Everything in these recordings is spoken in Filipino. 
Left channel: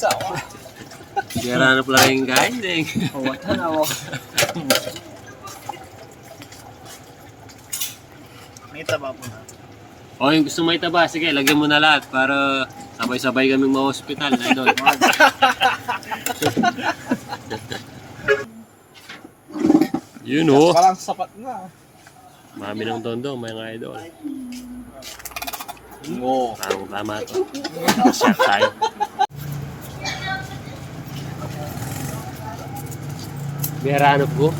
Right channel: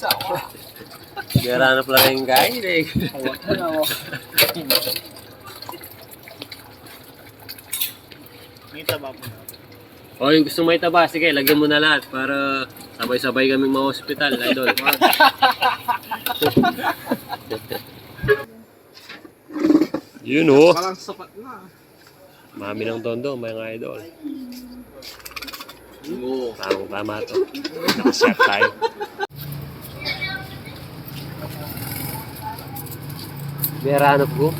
Ako. Gara na pala yung kain eh. Awatan ako. May taba po na. O yung gusto may taba, sige, lagyan mo na lahat para sabay-sabay kaming ma-hospital, idol. Yun oh. Parang sapat na. Mami ng tondo, mga idol. Oo. Tamang tama to. Shot tayo. May hanap ko.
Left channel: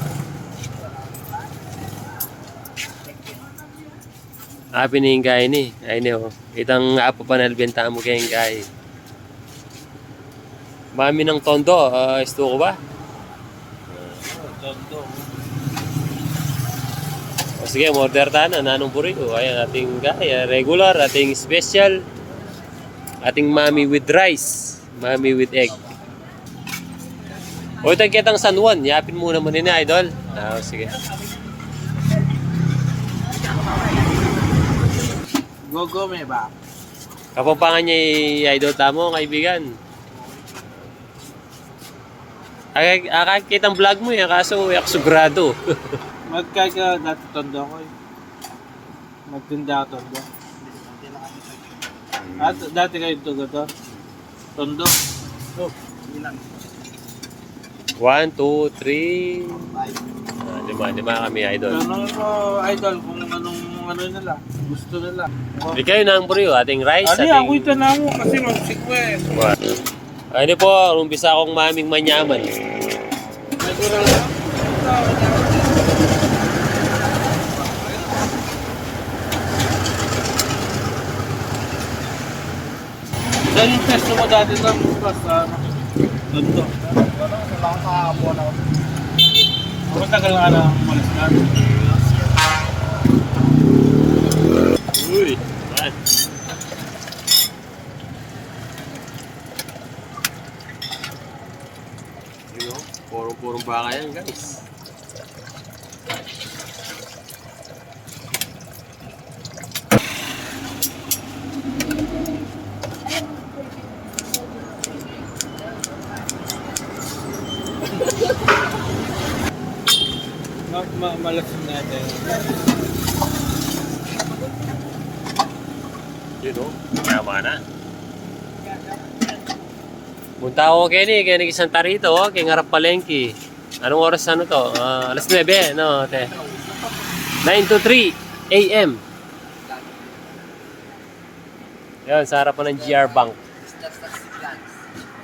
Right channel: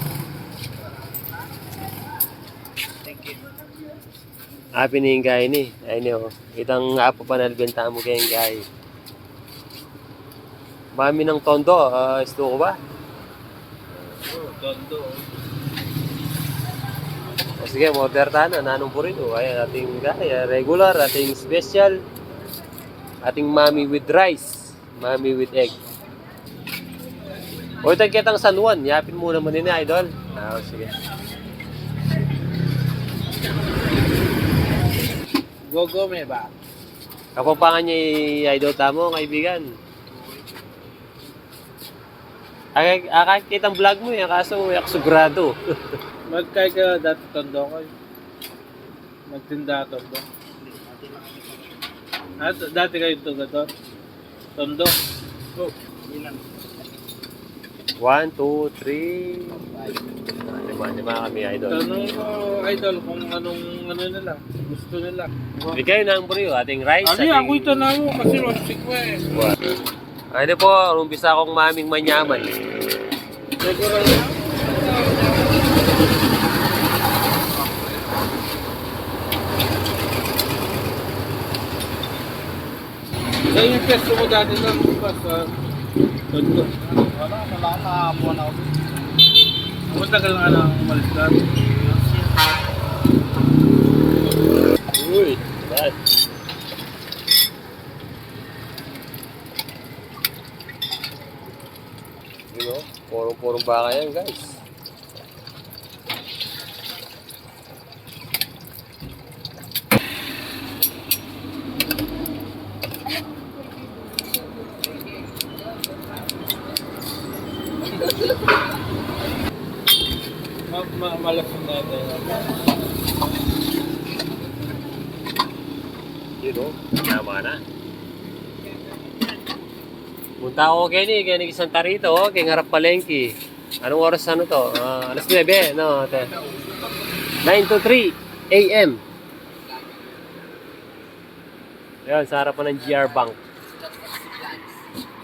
Ah, pinihingay ni. Ay, no. Itang apo pa nalbenta mo kayong gay. Mami ng tondo, ah, gusto ko ba? Tondo. Sige, order tayo na. Nanong burrito. Ayan, ating gaya. Regular, ating special. Ating mami with rice. Mami with egg. O, ito kitang San Juan. Yapin muna mo din na, idol. Ah, sige. Go, go, may ba? Kapampangan niya yung idol tamo, kaibigan. Ak akakitang vlog mo yan, kaso yak sugrado. Magkay ka dati tondo ko eh. Magtinda ka tondo. At dati kayo tugador. Tondo. Oh, ilan? One, two, three. Ah, lima, lima kami, idol. Tanong mo, idol, kung anong ano nila. Gusto nila. Oh. Na ang burrito, ating rice, Ano ating... ako ito na mo kasi mag-request. Ano po, umpisa akong maming manyaman. May kurang lang. Saan yung pesto mo dati lang ba sa Tondo? Wala, wala akong makakabuhan ako. Matagal nga lang umalis na. Uy, bad. You know, purong-purong baka yan, guys. Ma ma malasin natin. You know, tama na. Punta ako kay ni, kay ni Santa Rita, oh, kay Ngarap Palengke. Anong oras ano to? Ah, alas 9, no, te. 9 to 3 a.m. Ayun, sa harapan ng GR Bank.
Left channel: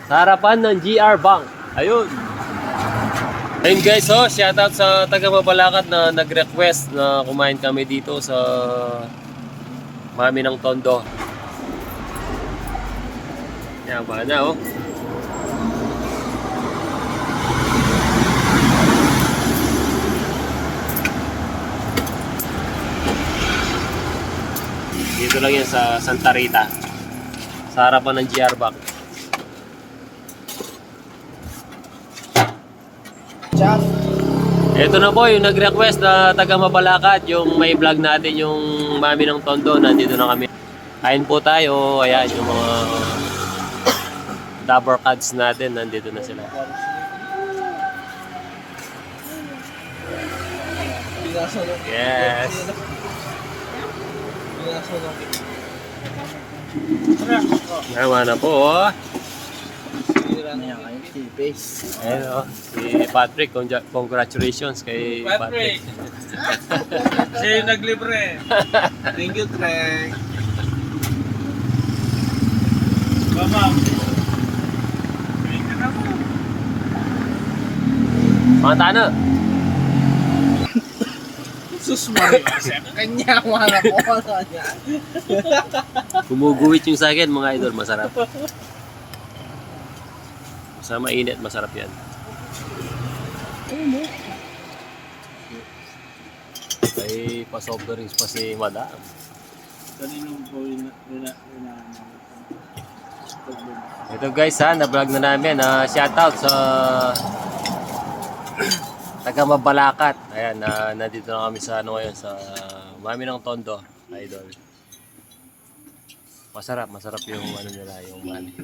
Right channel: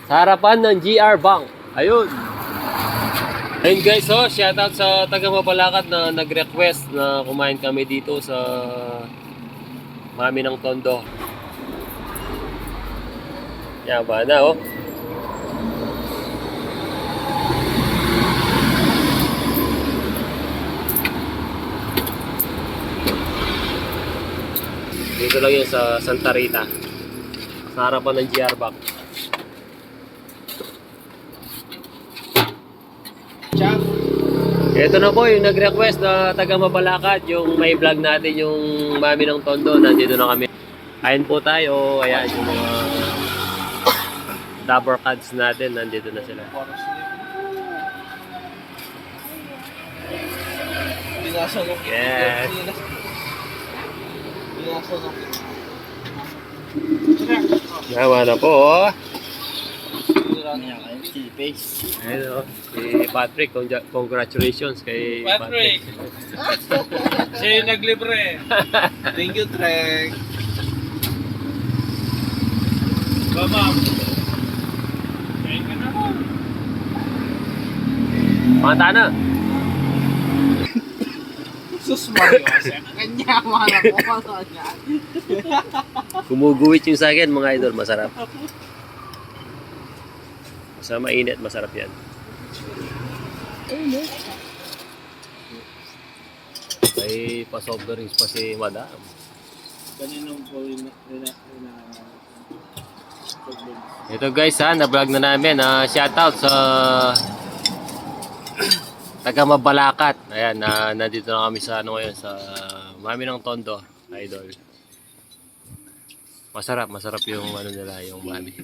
Sa harapan ng GR Bank. Ayun. Ayun guys, oh, shoutout sa taga Mabalacat na nag-request na kumain kami dito sa Mami ng Tondo. Yan ba na oh. Dito lang yan sa Santa Rita. Sa harapan ng GR Bank. Ito na po yung nag-request na taga Mabalacat, yung may vlog natin yung mami ng Tondo, nandito na kami. Kain po tayo, ayan yung mga double cards natin, nandito na sila. Yes. Naman na po, oh. Face. Ayun, oh. Si Patrick, congra- congratulations kay Patrick. Patrick. Siya yung naglibre. Thank you, Trek. Ba, ma'am? Thank you na mo. Mga tana. Sus Mario, kanya mana ko ano niya. Gumuguwit yung sa akin, mga idol. Masarap. Sa mainit, masarap yan. May pa-soft drinks pa si madam. Kaninong po ina ina Ito guys ha, na-vlog na namin. Uh, shoutout sa taga Mabalacat. Ayan, na nandito na kami sa ano ngayon, sa Mami ng Tondo, idol. Masarap, masarap yung ano nila, yung mani.